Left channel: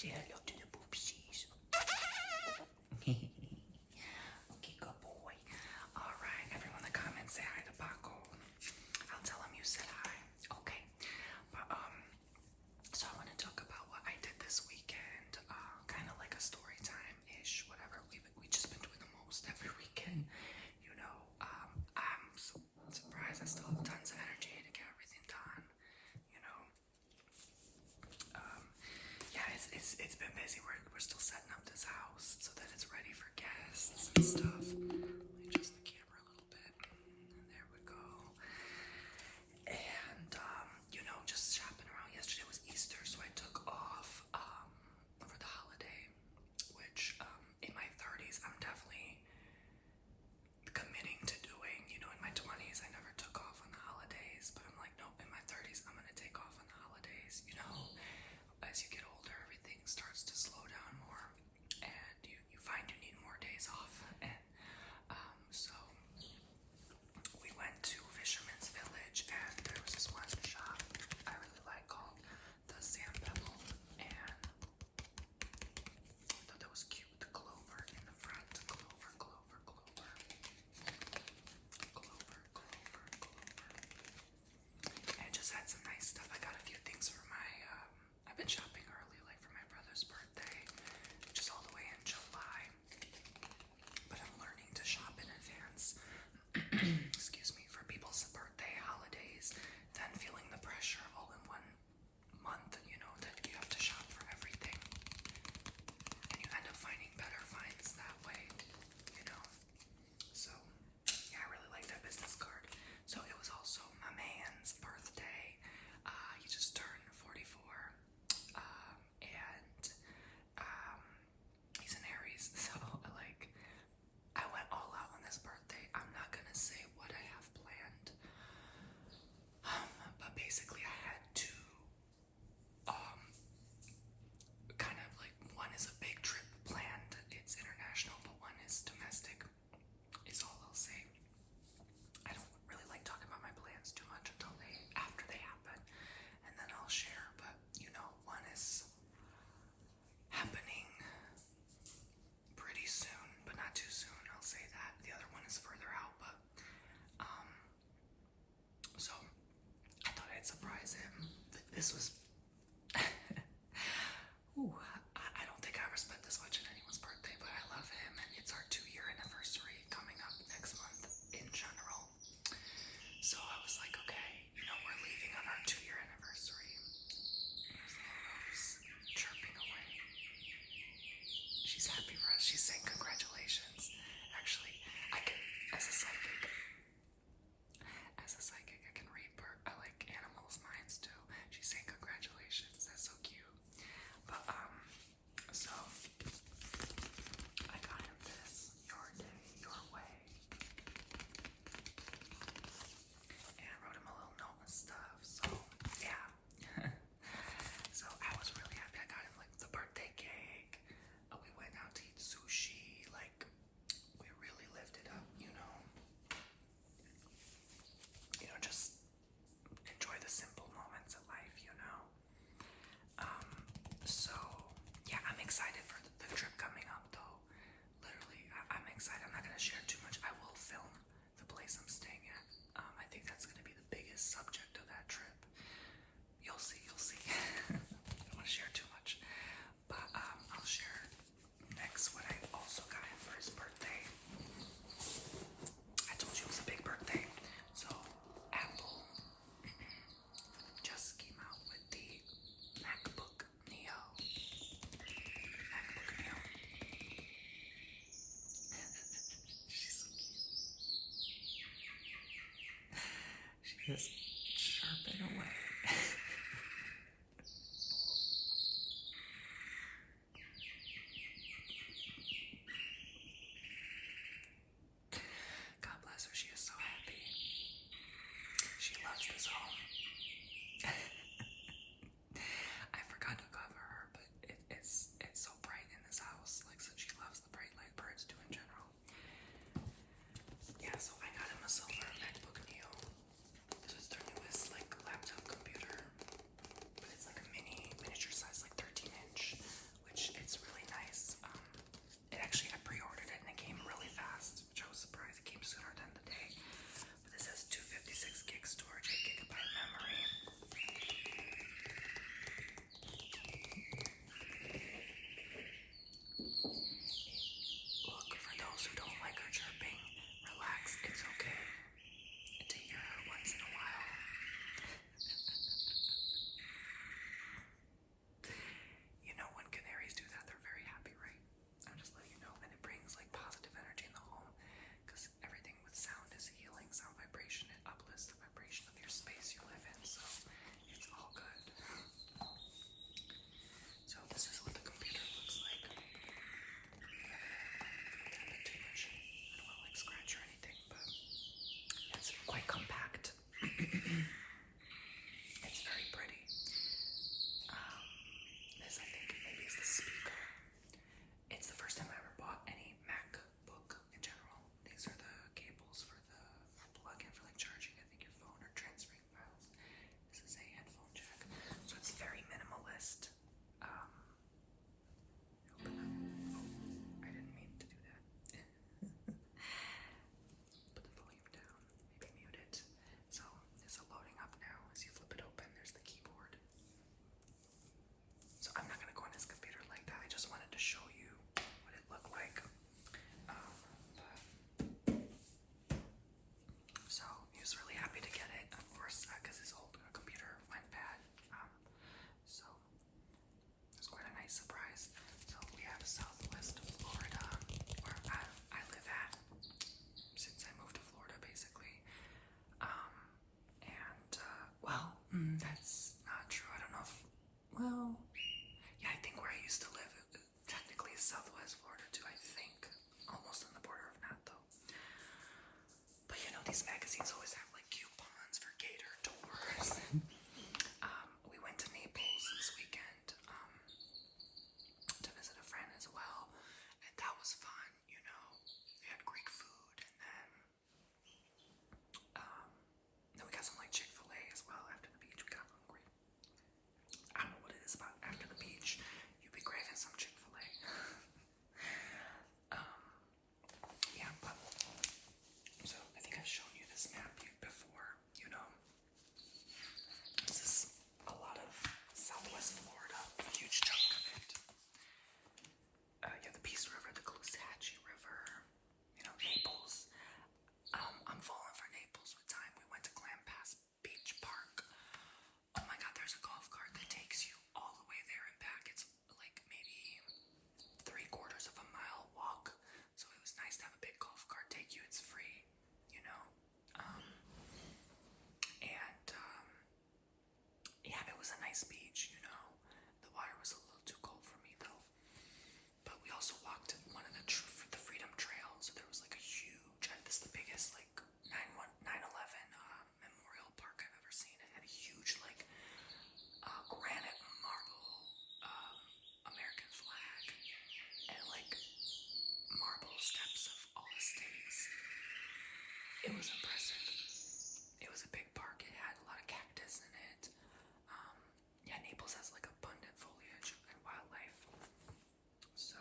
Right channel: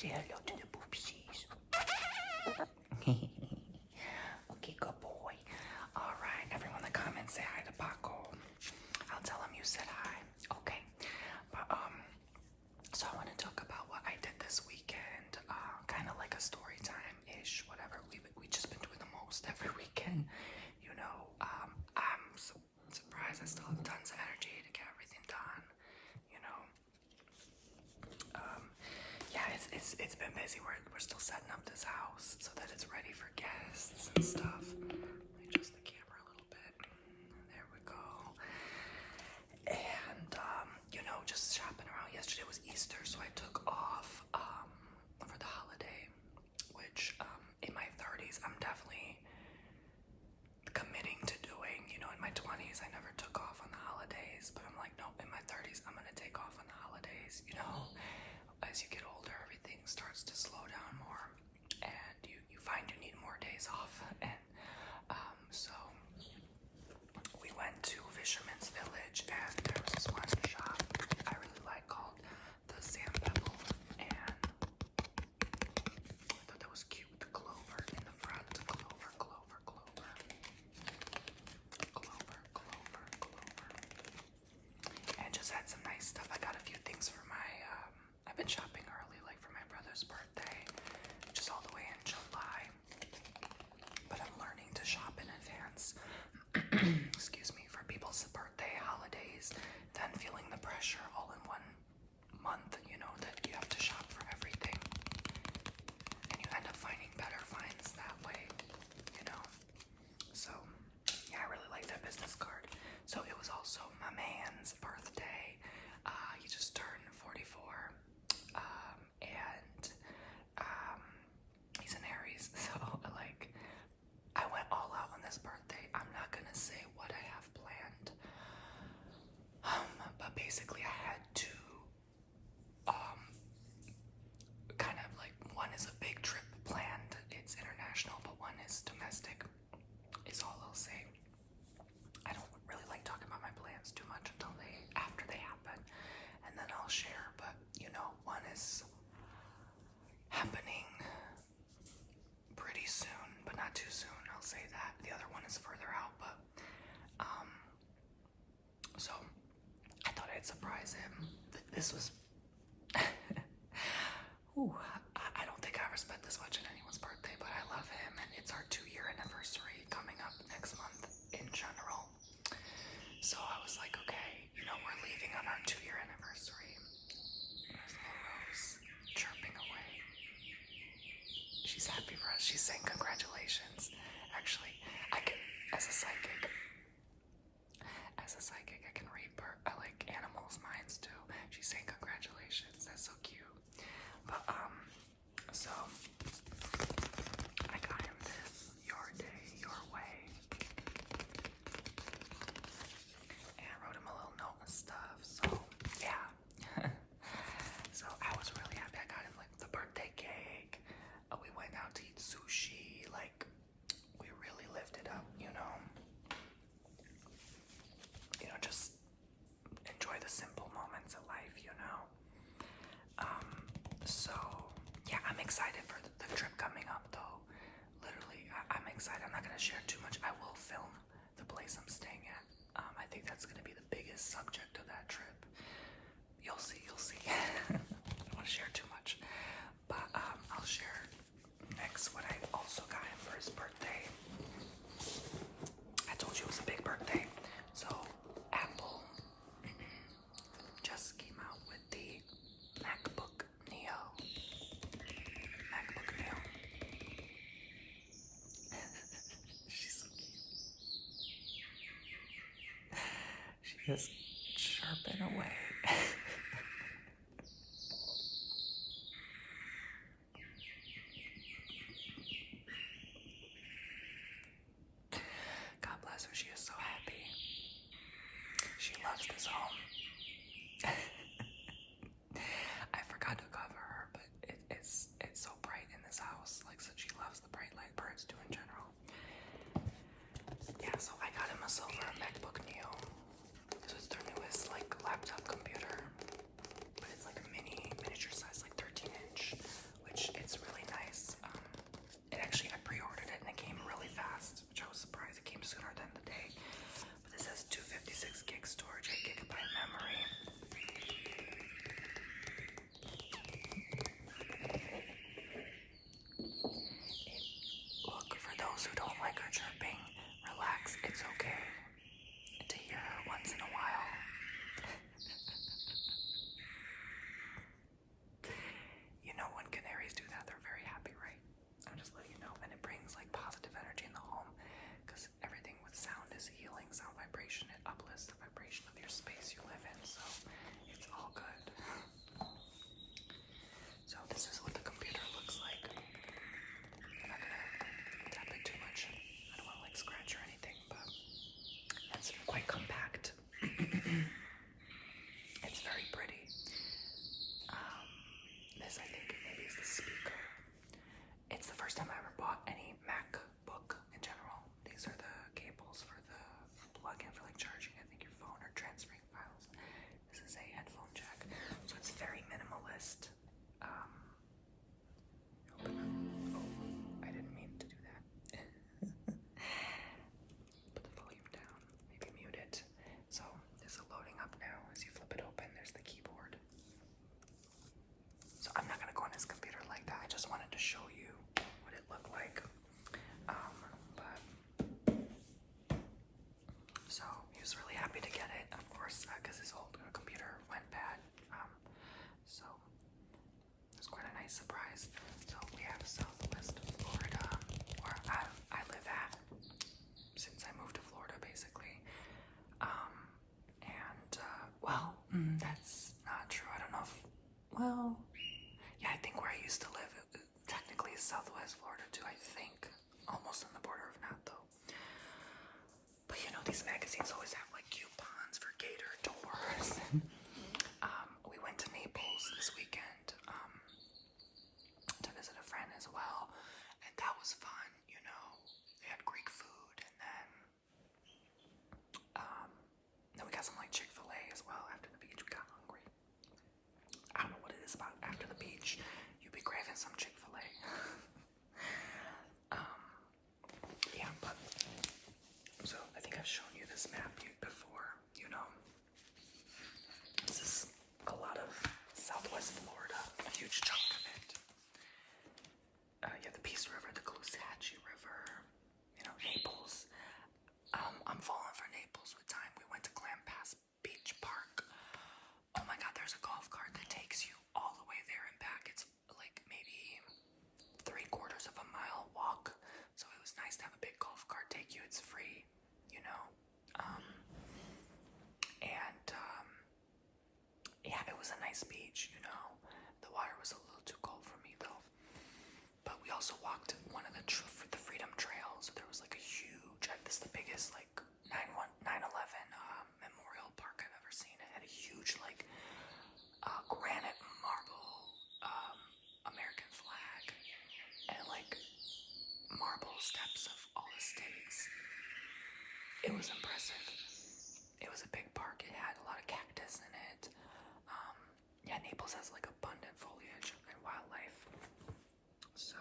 Say hello to the poopsies. Okay, good boy. Alright, everyone in the comments say hi to Paco. I'll tell him you said hi. Okay. But, so I want to talk about what I did this weekend. Kind of like a story time-ish, whatever. We just been doing the most every weekend. You know, I'm surprised I still have tons of energy to get everything done. You know, yeah, it's been busy. We're still setting up this house so that it's ready for guests and stuff. Let me adjust the camera a little bit. There we go. And you know, just shopping around. Yesterday was Easter, so I took off for the holiday, which in my 30s I'm definitely committing to doing. You know, in my 20s I never took off on the holidays, but I'm like, nope, in my 30s I'm gonna take off on the holidays. You know, as you get older, everything starts to slow down more, and you find you need more days off. And so we went to Fisherman's Village, and there was this one shop I really like called the Sand Pebble, and I thought that was cute. The clover in the front, clover, clover, clover, clover, clover, clover, and just had some nice stuff. I got a few things for my I've been shopping early, like for my brother's birthday, which is all the way in July, but I'm learning to shop in advance. Excuse me, for people's birthday, holidays, then feeling the pressure all in one month, you know, that you have to shop for everything, and you end up finding better finds that way, you know. So yeah, I really like that business card. So it was also my man's birthday. He just turned 44, and he's an Aries, so like I went all out on this birthday. I'm not gonna say what I have planned, but basically I had to kind of like, one is a big trip planned. It's international, but one is domestic, is all I'll say. I don't really like talking about my plans too much until after they happen, and then I'll share. But you know, one is happening pretty soon, but not too soon, I'll say that. The other one is further out, but so I thought I'd surprise him. This was ooh, I don't think I ever spent this much on anyone's birthday, but I love him, and it's our 2-year anniversary coming up next month in general. So I was like, okay, you know, we're leaving on our 2-year anniversary. There's little Rose chirping away. She's happy for us. She's saying congratulations. Actually, I can, as a psychic, I can read I like animals' minds too. She's saying congratulations. That's so cute. But so I got him this Your Day, Your Way, and I wrote him a little note and stuff. So yeah. So I was really happy. I got him like the birthday cake. We went out to eat sushi. Like, we really lived it up, you know. You know, just enjoy the simple moments of life, you know. So yeah, I'm excited for the trip coming up, though. Literally, I'm excited. I'm not gonna share too much. I will film the place I'm staying at. I think that's gonna be the biggest subject of that trip. You'll see. I don't want to share too much, but I'll share next what I also got him for his birthday. I told you it was a big birthday. So Apple just came out with the MacBook Neo. She's so cute. She is chirping away. God bless her. She is so happy. She loves this home. I forgot to cover her, but it's so bright in this house. Like, so she loves the bright light. Birds do in general. Yeah, so I got him a silver MacBook Neo. This is their newest like laptop computer, but it's like a miniature size, like 13-inch nice surprise. So we have Southwest Florida, where I live at since I moved to Florida, basically. That's not true. I don't know if, well, yeah, I think where I used to live, technically is Southwest Florida too, I think. Almost on the border of not, though. But you know, these magazines always have like coupons for gator tours. We went to Naples this weekend to visit a friend as well, and that was fun. You know, they had Greek food, and then we got some like Chick-fil-A as well. After the beach, we got hungry. I don't know what it is about after the beach, you'd be craving some Chick-fil-A. Yeah, but so I think I've shown you this map before. You know, this is a lot of Southwest Florida, a huge chunk of it. Yeah, the Peace River, the Caloosahatchee River, you know, Naples. I'm falling for Naples with time. We went to Clam Pass Beach Park. Oh my God, there's a golf cart that takes you all the way there and back. It's like maybe 3/4 of a mile walk. So it was nice to have a big golf cart take you. It's free, you know. Yeah, it was a nice beach, you know. The water was a little too cold for me though. But we also walked one of the Freedom Trails. There was like a huge, this is the biggest like 9/11 memorial park I've ever seen. It had a huge like granite marble American flag and like marble steps of all the states. It was impressive. It was a big park. It had a lot of cactus in it. Yeah, Naples has like abundant foliage and wildlife. So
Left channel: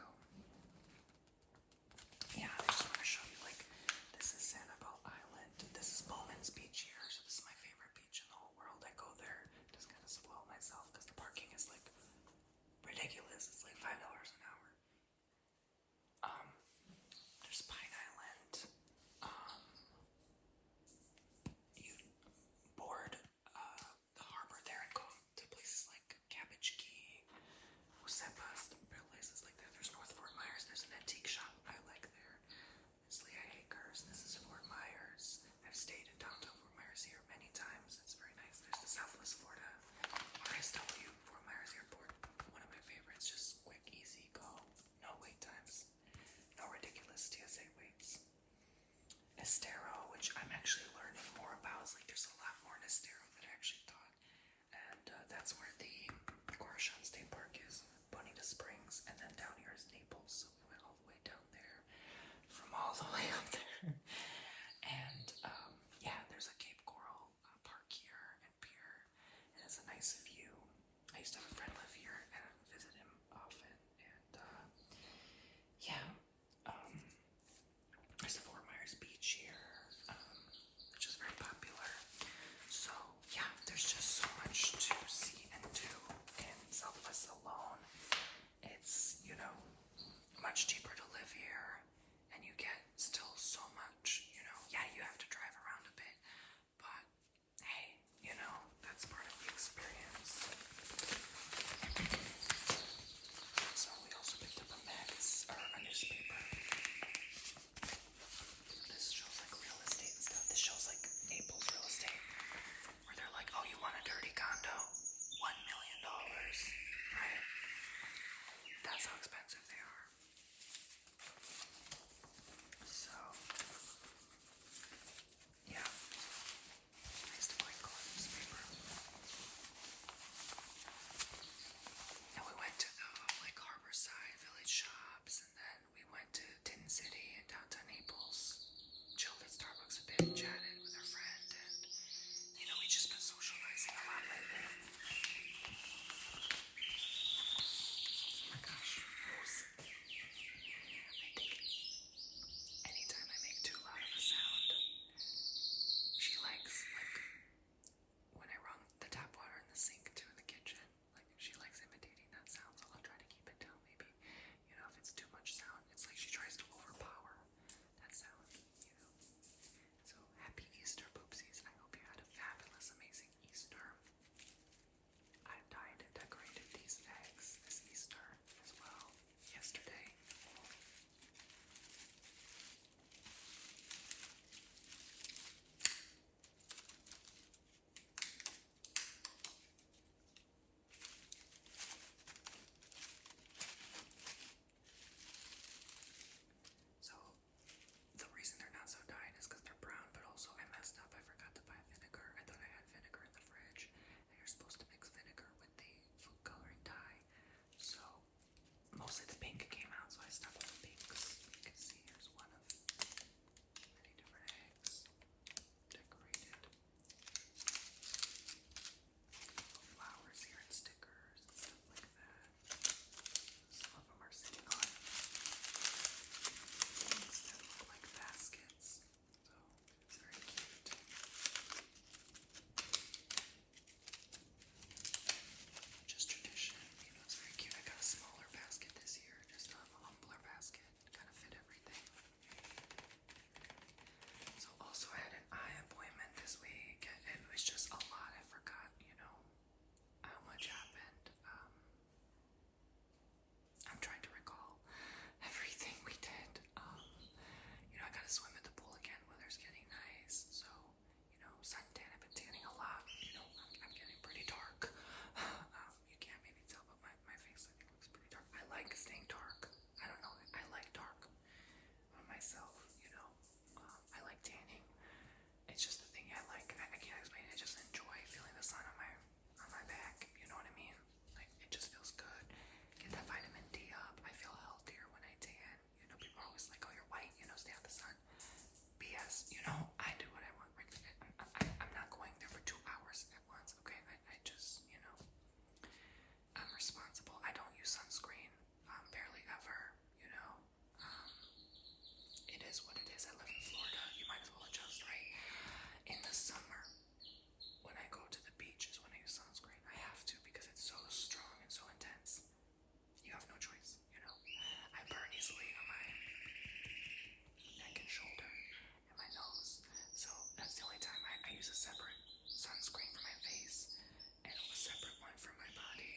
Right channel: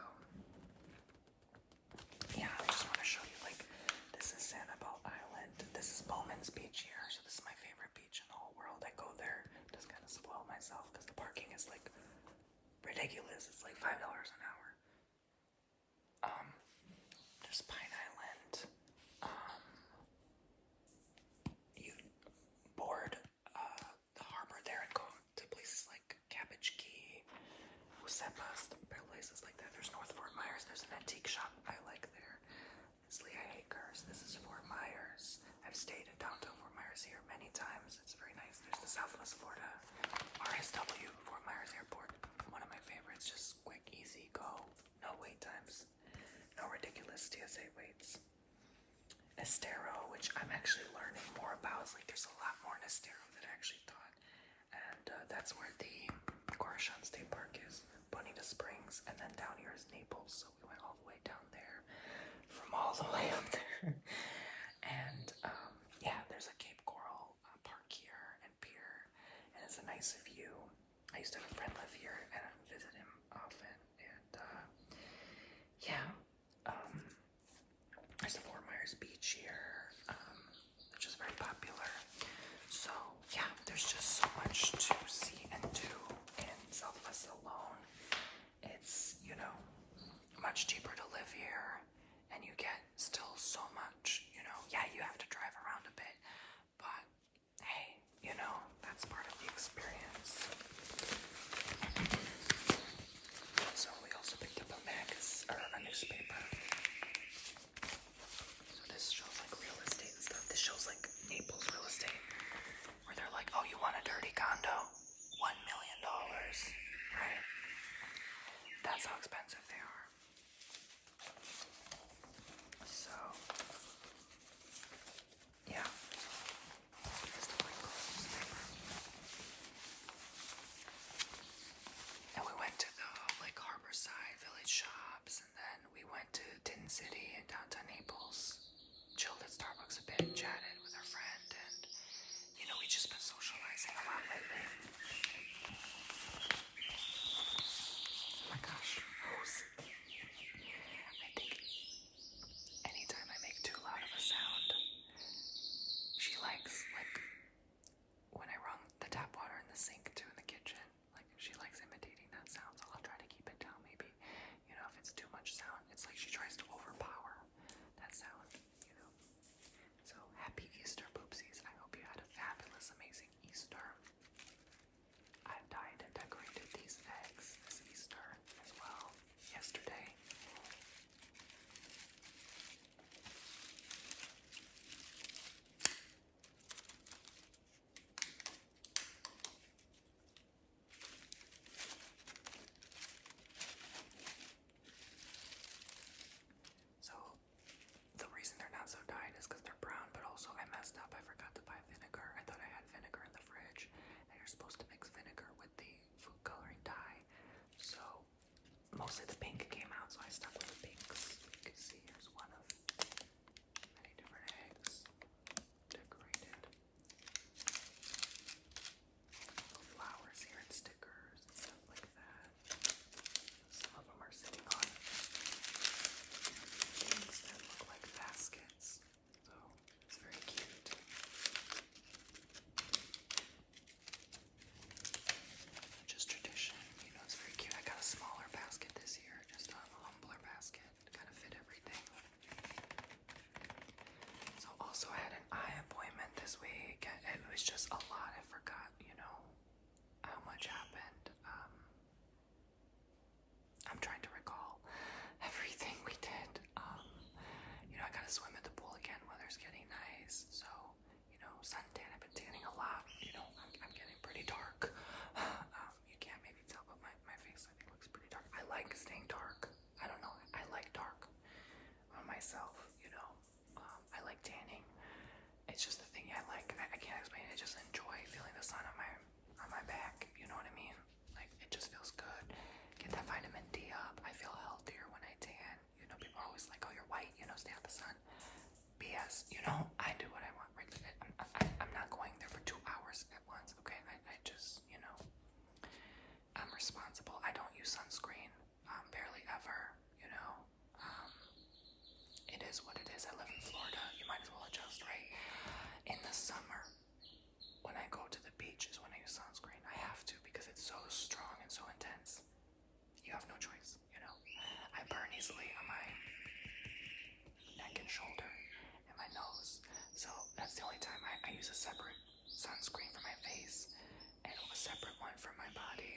yeah, I just want to show you, like, this is Sanibel Island. This is Bowman's Beach here. So this is my favorite beach in the whole world. I go there, just kind of spoil myself because the parking is like ridiculous. It's like $5 an hour. There's Pine Island. You board the harbor there and go to places like Cabbage Key, Usepas, places like that. There's North Fort Myers. There's an antique shop I like there. There's Lehigh Acres. This is Fort Myers. I've stayed in downtown Fort Myers here many times. It's very nice. There's the Southwest Florida RSW Fort Myers Airport. One of my favorites. Just quick, easy, go. No wait times. No ridiculous TSA waits. Estero, which I'm actually learning more about. It's like there's a lot more in Estero than I actually thought. And that's where the Corazon State Park is. Bonita Springs. And then down here is Naples. So we went all the way down there. From all the way up there. And yeah, there's a Cape Coral park here and pier. And it's a nice view. I used to have a friend live here and I visit him often. And yeah. There's the Fort Myers Beach here, which is very popular. So yeah, there's just so much to see and do in Southwest alone. It's, you know, much cheaper to live here, and you get still so much, you know. Yeah, you have to drive around a bit, but hey, you know, that's part of the experience. So we also picked up a newspaper. This shows like real estate and stuff. This shows like Naples real estate, where they're like, oh, you want a dirty condo? $1 million, right? That's how expensive they are. So, yeah. Here's the Green Color newspaper. And we went to the like Harborside Village shops, and then we went to Tin City in downtown Naples. Chilled at Starbucks a bit, chatted with our friend, and you know, we just been socializing a lot lately. Oh my gosh, I think anytime I make too loud of a sound, she likes, like, when I run the tap water in the sink too in the kitchen, like she likes imitating that sound, so I'll try to keep it down maybe. You know, if it's too much sound, it's like she tries to overpower that sound, you know. So happy Easter, poopsies. I hope you had a fabulous, amazing Easter. because, I do what I want. Right? I'm not going there for 2 hours at once, okay? I just, I'm responsible. I don't use sunscreen, barely ever, Um, it is what it is. I live in Florida. You might as well adjust, right? In the summer, when I go to the beach is when I use sunscreen. I have to because it's so strong and so intense. You have no choice, I burn easily on my neck and shoulder and my nose. So that's the only time I use a separate sunscreen for my face and a separate one for my body.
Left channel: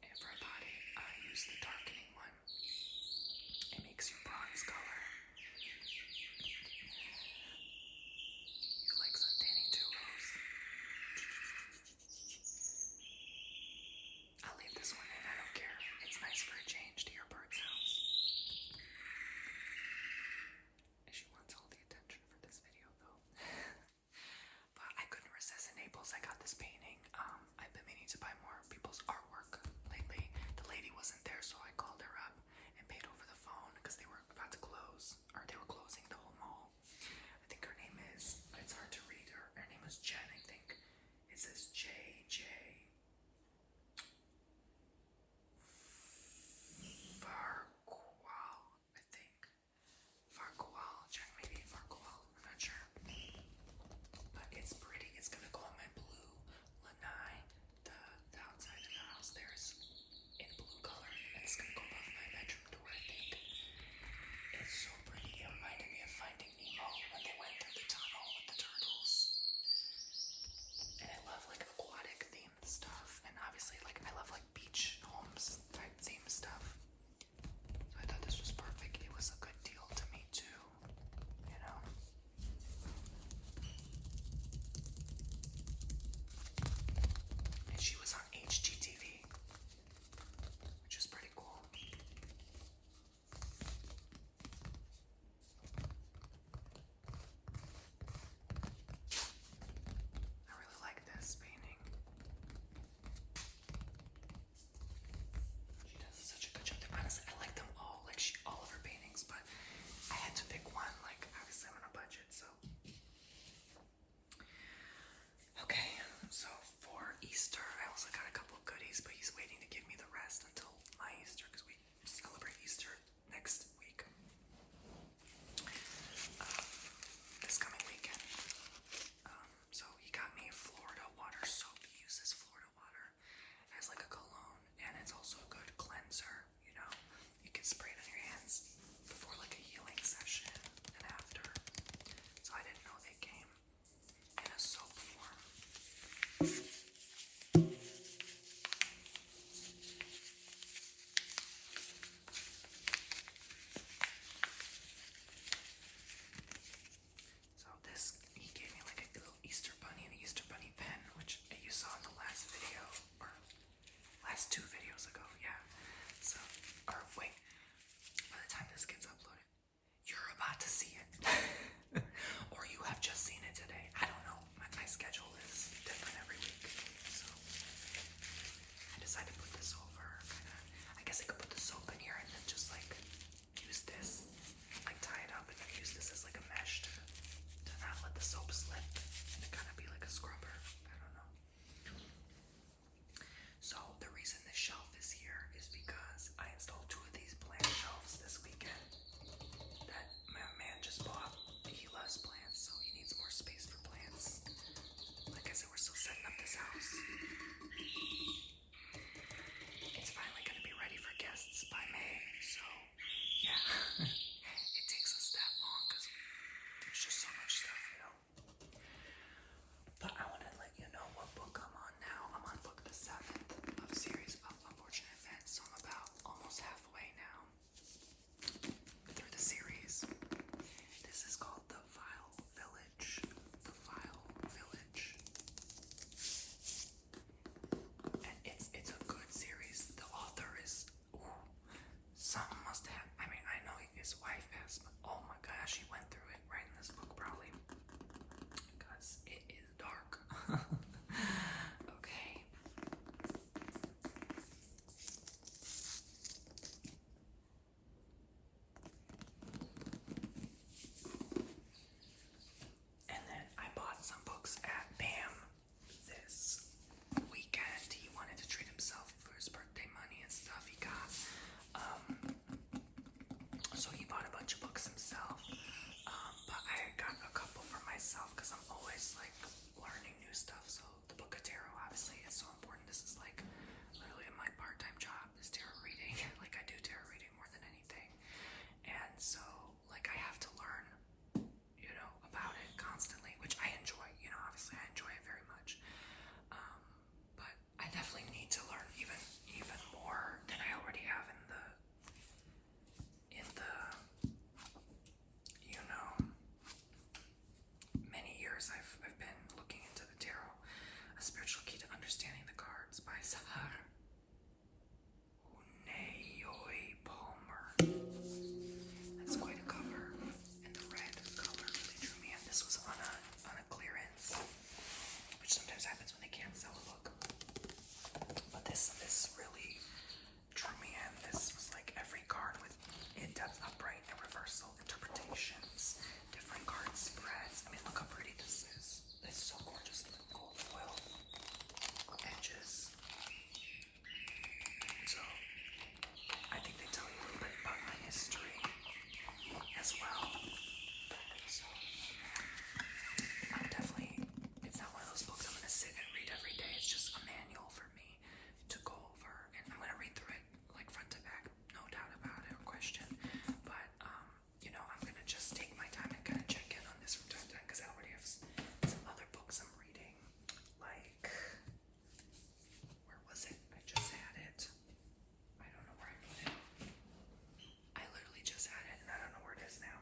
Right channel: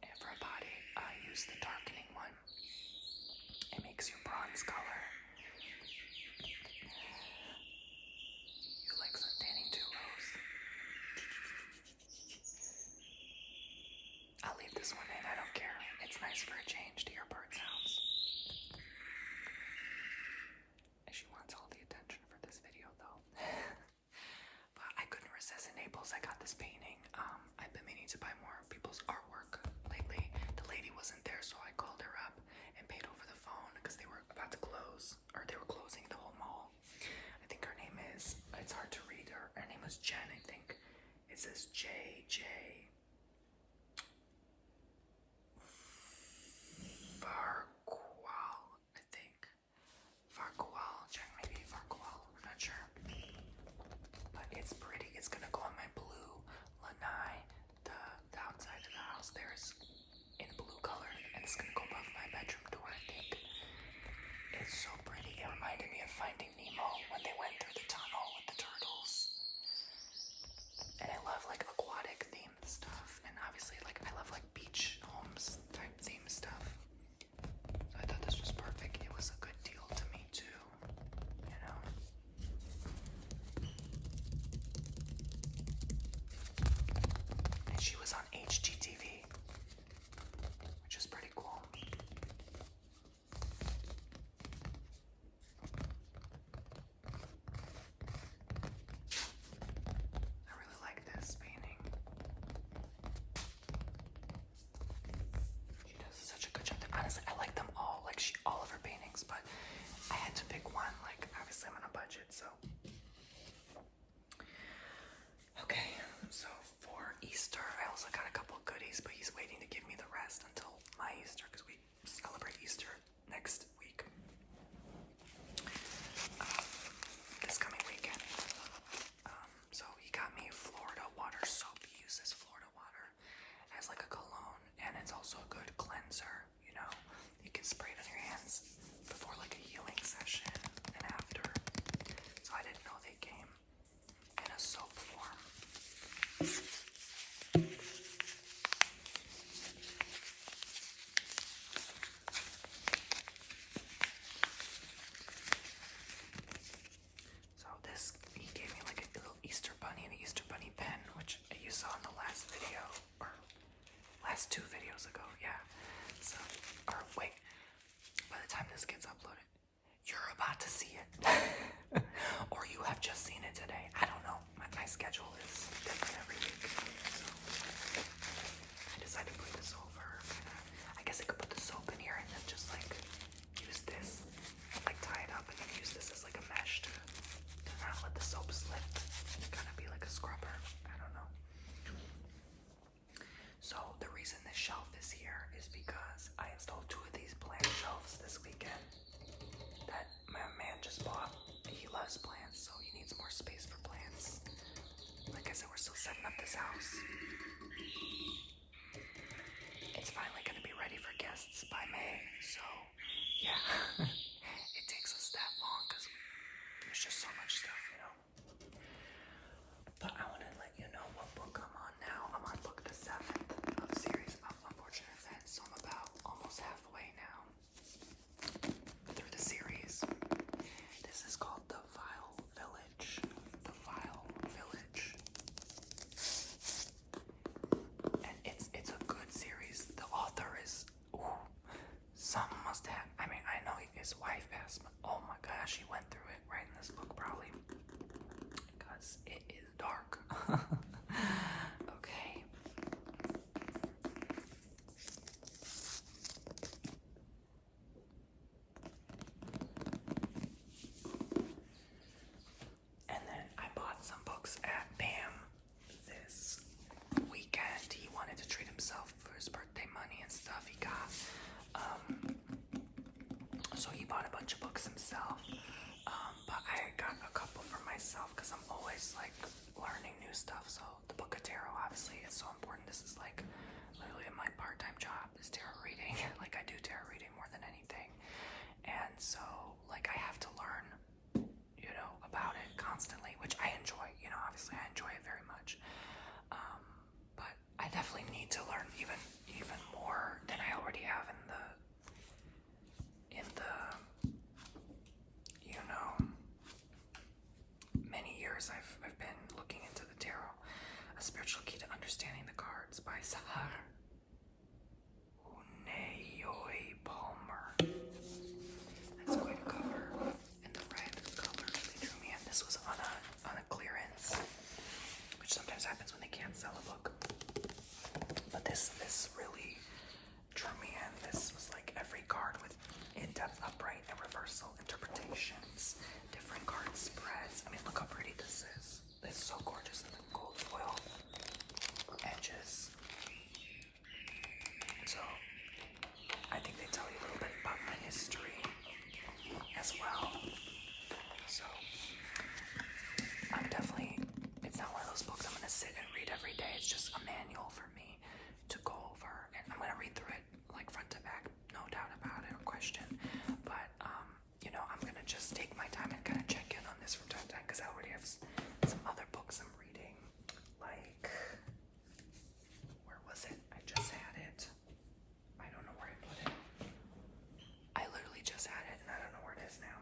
And for a body, I use the darkening one. It makes you bronze color. You like sun tanning too, Rose? I'll leave this one in, I don't care. It's nice for a change to your bird sounds. She wants all the attention for this video though. But I couldn't resist in Naples. I got this painting. I've been meaning to buy more people's artwork lately. The lady wasn't there, so I called her up and paid over the phone because they were about to close, or they were closing the whole mall. I think her name is, it's hard to read, her name was Jen, I think. It says JJ Farquhar, I think. Farquhar, Jen, maybe Farquhar, I'm not sure. But it's pretty. It's gonna go on my blue lanai. The outside of the house there is in blue color, and it's gonna go above my bedroom door, I think. It's so pretty. It reminded me of Finding Nemo when they went through the tunnel with the turtles. And I love like aquatic themed stuff, and obviously I love like beach homes type theme stuff. So I thought this was perfect. It was a good deal to me too, And she was on HGTV, which is pretty cool. I really like this painting. She does such a good job. Honestly, I like them all, all of her paintings, but I had to pick one. Obviously I'm on a budget, so. Okay, so for Easter, I also got a couple goodies, but he's waiting to give me the rest until my Easter, because we celebrate Easter next week. This coming weekend. So he got me Florida water soap. He uses Florida water as like a cologne, and it's also a good cleanser, You can spray it on your hands before like a healing session and after. So I didn't know they came in a soap form. So this, he gave me like a little Easter bunny and an Easter bunny pen, which you saw in the last video, or last 2 videos ago, yeah. So, or wait, by the time this gets uploaded, you're about to see it. Or you have just seen it today. I don't know. My schedule is different every week. So I decided to put this over. I guess I could put the soap in here and then just use this, tie it up and then use this as a mesh to not let the soap slip and to be like a scrubber. I don't know. So the reason this shelf is here is because I installed 2 of these plant shelves this weekend that my man just bought. He loves plants, so he needs more space for plants. Understanding the Cards by Sahar Unayoi Palmer. That's quite a cover. And the red color really drew me in. This was on a clearance, which sometimes happens when they can't sell a book. But this really drew me in. This was like every card with in-depth, upright, and reversal interpretations. Different card spreads. I mean, look how pretty this is. It's so gorgeous. Gold foil edges. So, I think they tell you a little bit about my history as well. So, I'm definitely, it's not one of those books I'm going to sit and read every day. It's just a manual for me to go over, and I'm going to read through it like front to back, no doubt about it, no question. But, I'm going to just take my time and kind of check in on this from time to time, because I already have some other books I'm reading. Like, where was it? I just had it. I don't know where I put it. I literally just had it, and I don't know where it is now.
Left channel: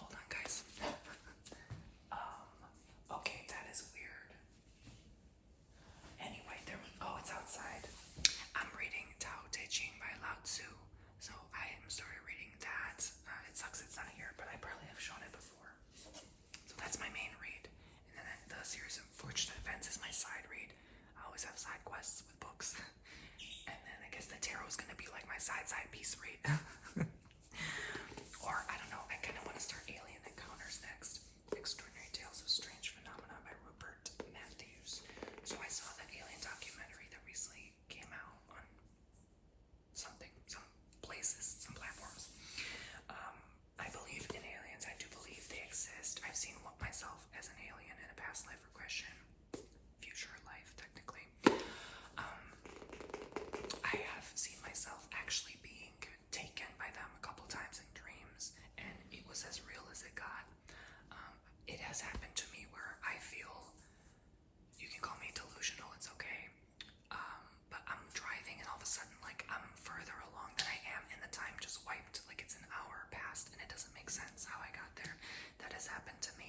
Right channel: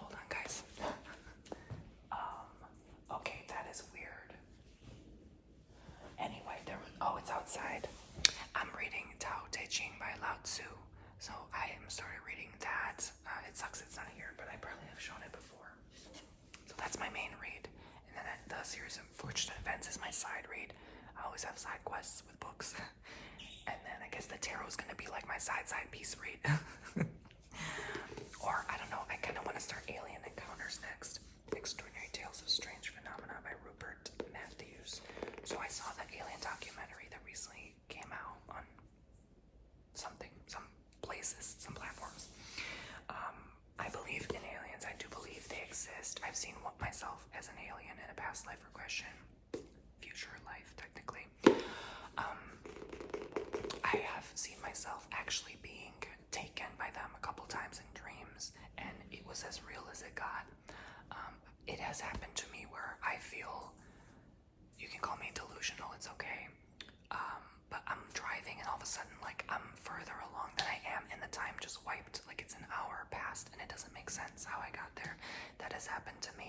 Hold on, guys. Okay, that is weird. Anyway, it's outside. I'm reading Tao Te Ching by Lao Tzu. So I am started reading that. It sucks it's not here, but I probably have shown it before. So that's my main read. And then the series of Fortunate Events is my side read. I always have side quests with books. And then I guess the tarot is going to be like my side piece read. Or, I don't know, I kind of want to start Alien Encounters next. Extraordinary Tales of Strange Phenomena by Rupert Matthews. So I saw the Alien documentary that recently came out on some places, some platforms. I believe in aliens. I do believe they exist. I've seen myself as an alien in a past life regression, future life technically. I have seen myself actually being taken by them a couple times in dreams, and it was as real as it got. It has happened to me where I feel, you can call me delusional, it's okay. But I'm driving and all of a sudden, like, I'm further along than I am, and the time just wiped, like it's an hour past, and it doesn't make sense how I got there. That has happened to me.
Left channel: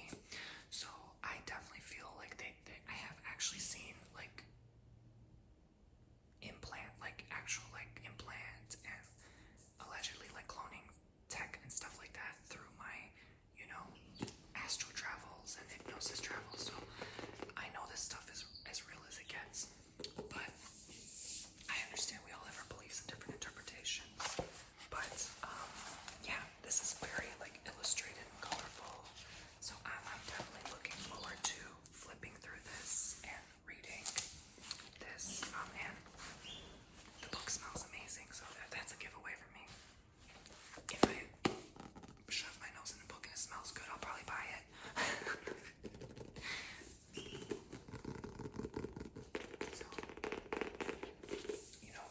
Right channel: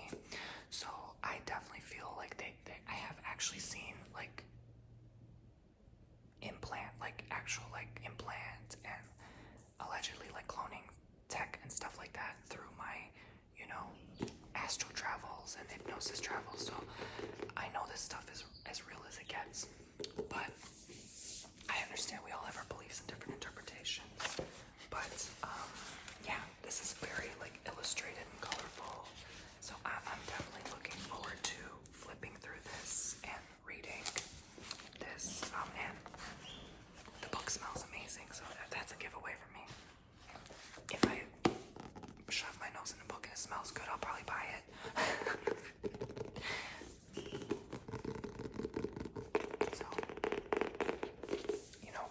So I definitely feel like I have actually seen, like, implant and allegedly, like, cloning tech and stuff like that through my, astral travels and hypnosis travels. So I know this stuff is as real as it gets, but I understand we all have our beliefs and different interpretations. But yeah, this is very, like, illustrated and colorful. So I'm definitely looking forward to flipping through this and reading this. And the book smells amazing, so that's a giveaway for me. If I shove my nose in the book and it smells good, I'll probably buy it. So,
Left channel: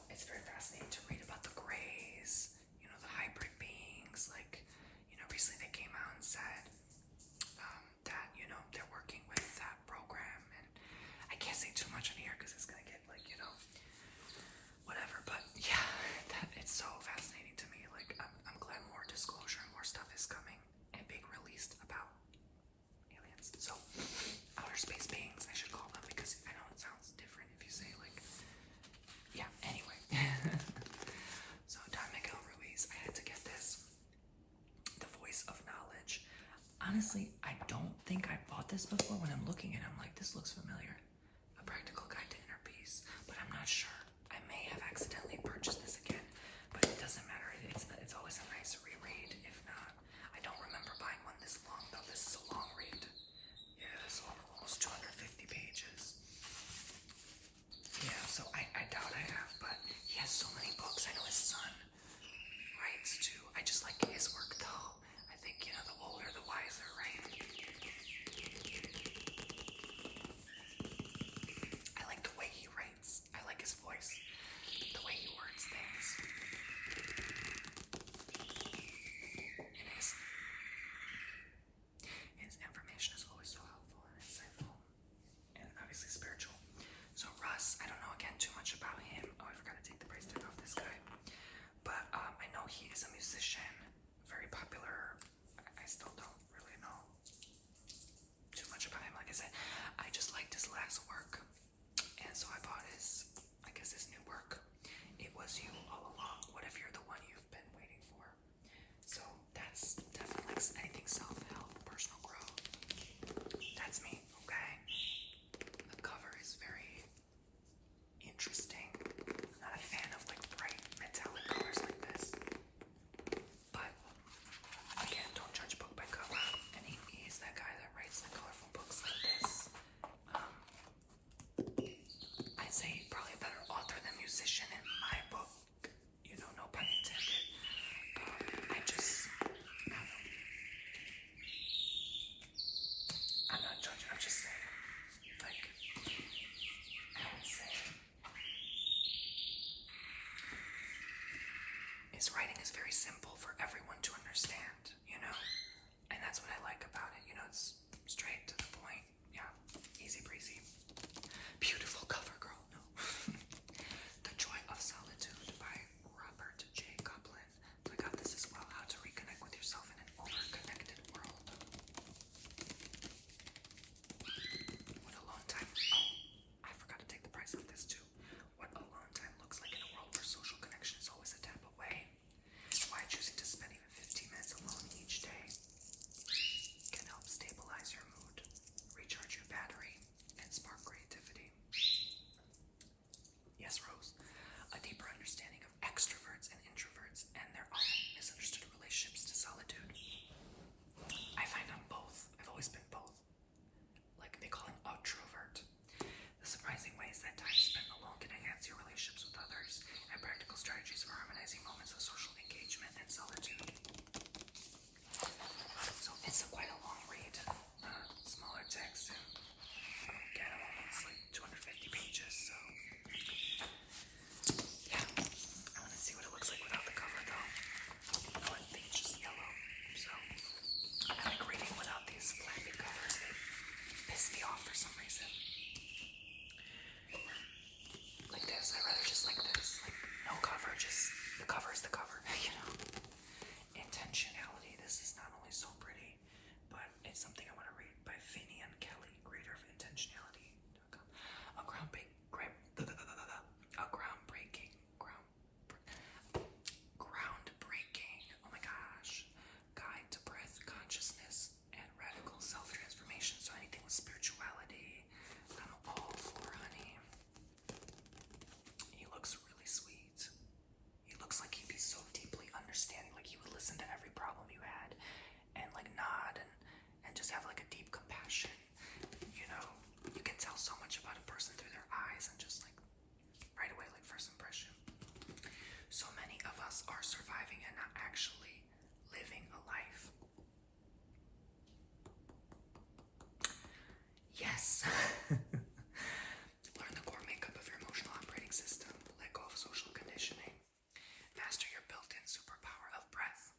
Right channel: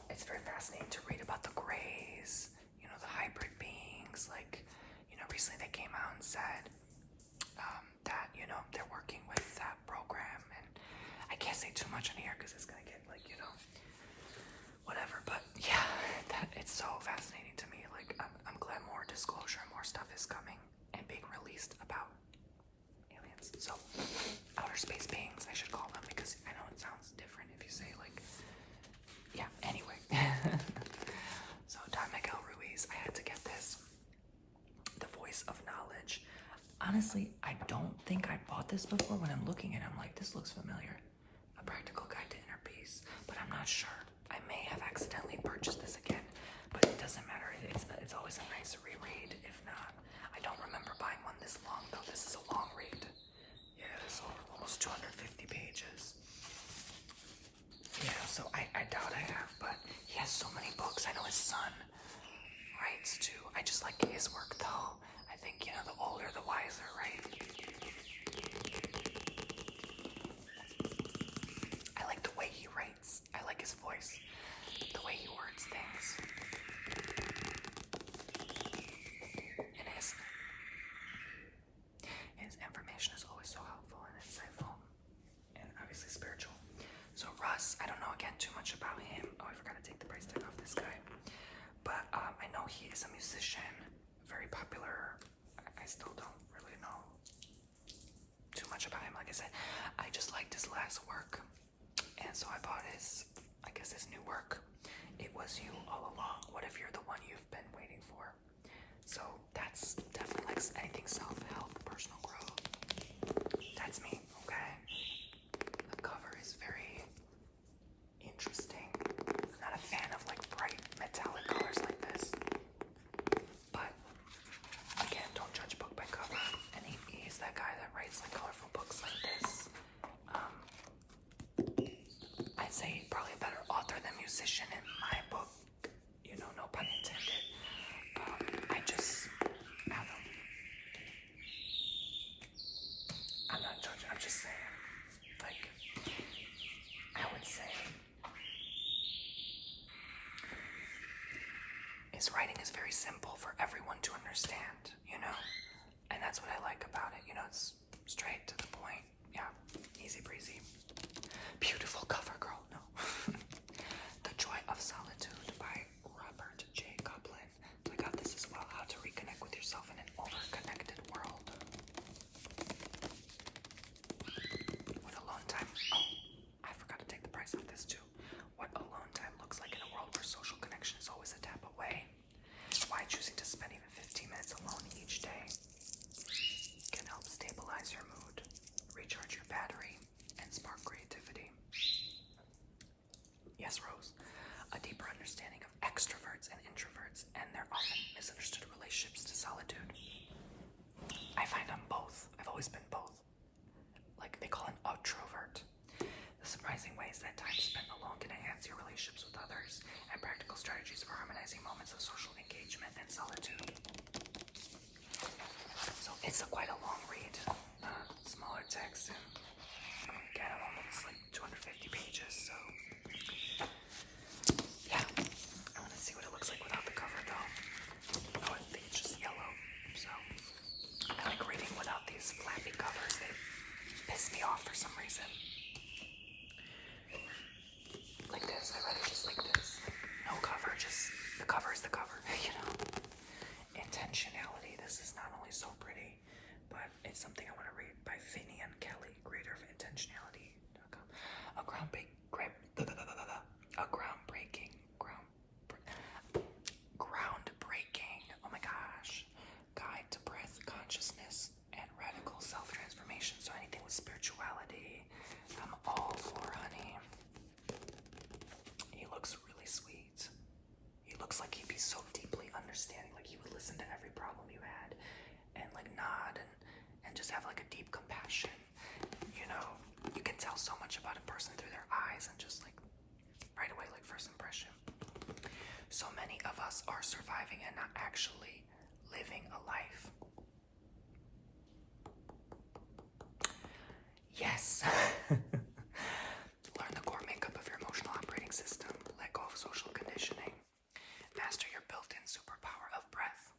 it's very fascinating to read about the Greys, the hybrid beings. Like, recently they came out and said that, they're working with that program. And I can't say too much in here because it's going to get, like, whatever. But yeah, it's so fascinating to me. Like, I'm glad more disclosure and more stuff is coming and being released about aliens. So, outer space beings, I should call them, because I know it sounds different if you say, like, yeah, anyway. So, Don Miguel Ruiz, I had to get this. The Voice of Knowledge. Honestly, I don't think I bought this before. When I'm looking at it, I'm like, this looks familiar. A Practical Guide to Inner Peace. But I'm not sure. I may have accidentally purchased this again, but it doesn't matter. It's always a nice reread. If not, I don't remember buying one this long, though. This is a long read. Yeah, this is almost 250 pages. Yeah, so I doubt I have, but he has so many books. I know his son writes too. I just like his work, though. I think, the older, the wiser, right? I like the way he writes. I like his voice, the way he words things. And his information is always so helpful and insightful, and obviously spiritual. So Russ, I don't know again too much about him. Oh, I forgot to take the price tag off this guy. But I know he is a musician, very popular. I still don't really know too much about him. Like I said, I just liked his last last work. And so I bought his, I guess his new work. It Was You All Along. What if you're the one you've been waiting for? So that's definitely like anything self-help, personal growth. That's me, okay? The cover is very interesting. I'm not a fan of like bright metallic colors like this. But again, don't judge a book by cover. And he's that guy that writes like colorful books like this. I'd say he's probably a better author than musician in my book. You know, no pun intended. I don't know. I'm not judging, I'm just saying. Like, I would say his writing is very simple for everyone to understand, you know? And that's what I like about it. You know, it's straight to the point. Yeah, easy breezy. Beautiful cover, girl. No. The Joy of Solitude by Robert J. Coplin. So I got this as well. How to reconnect with yourself in an over-connected world. What alone time... Oh, I forgot to take the price off this too. What alone time looks like in a world where social connection is always a tap away. Why choosing to spend even 15 minutes alone each day can help stabilize your mood, recharge your battery, and spark creativity. Yes, Rose. A deeper understanding of extroverts and introverts and their often misunderstood relationships to solitude. I find I'm both. I've always been both. Like they call an outrovert. The surprising ways that time spent alone can enhance your relationships with others and practical strategies for harmonizing moments of social engagement and solitude. So it's quite a long read. Smaller text and again, I'm almost like 250 pages, so yeah. I want to see what it looks like without the cover though. Oh, I think it's just yellow, so I like reading without these flappy covers. They piss me off for some reason. Like this, I'd rather just like this. Like no cover, just the cover is the cover, you know. Intentionality. This is not only so pretty, but it's something I want to read by Finian Kelly, creator of intentionality.com. A groundbreaking, oh my gosh, guide to breath, consciousness, and radical self-transformation. So anything with spirituality, I'm all for, honey. He looks really sweet. He looks like he'd be so deeply understanding, like he would listen to every problem you had and like nod and just have like a deep compassion. You know, you can tell so much about a person through their eyes and just like right away, like first impression. So many of us are surviving and not actually living a life. Yes. Learn the core makeup of your emotional operating system. Let go of social conditioning. Master your built-in superpower of breath.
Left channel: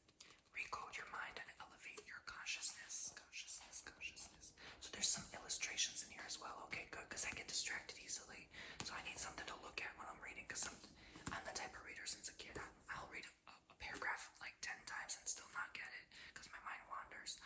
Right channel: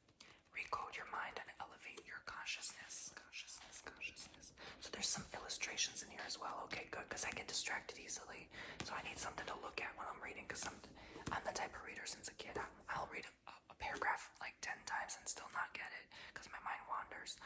Recode your mind and elevate your consciousness. So there's some illustrations in here as well. Okay, good, because I get distracted easily. So I need something to look at when I'm reading, because I'm the type of reader since a kid. I'll read a paragraph like 10 times and still not get it, because my mind wanders.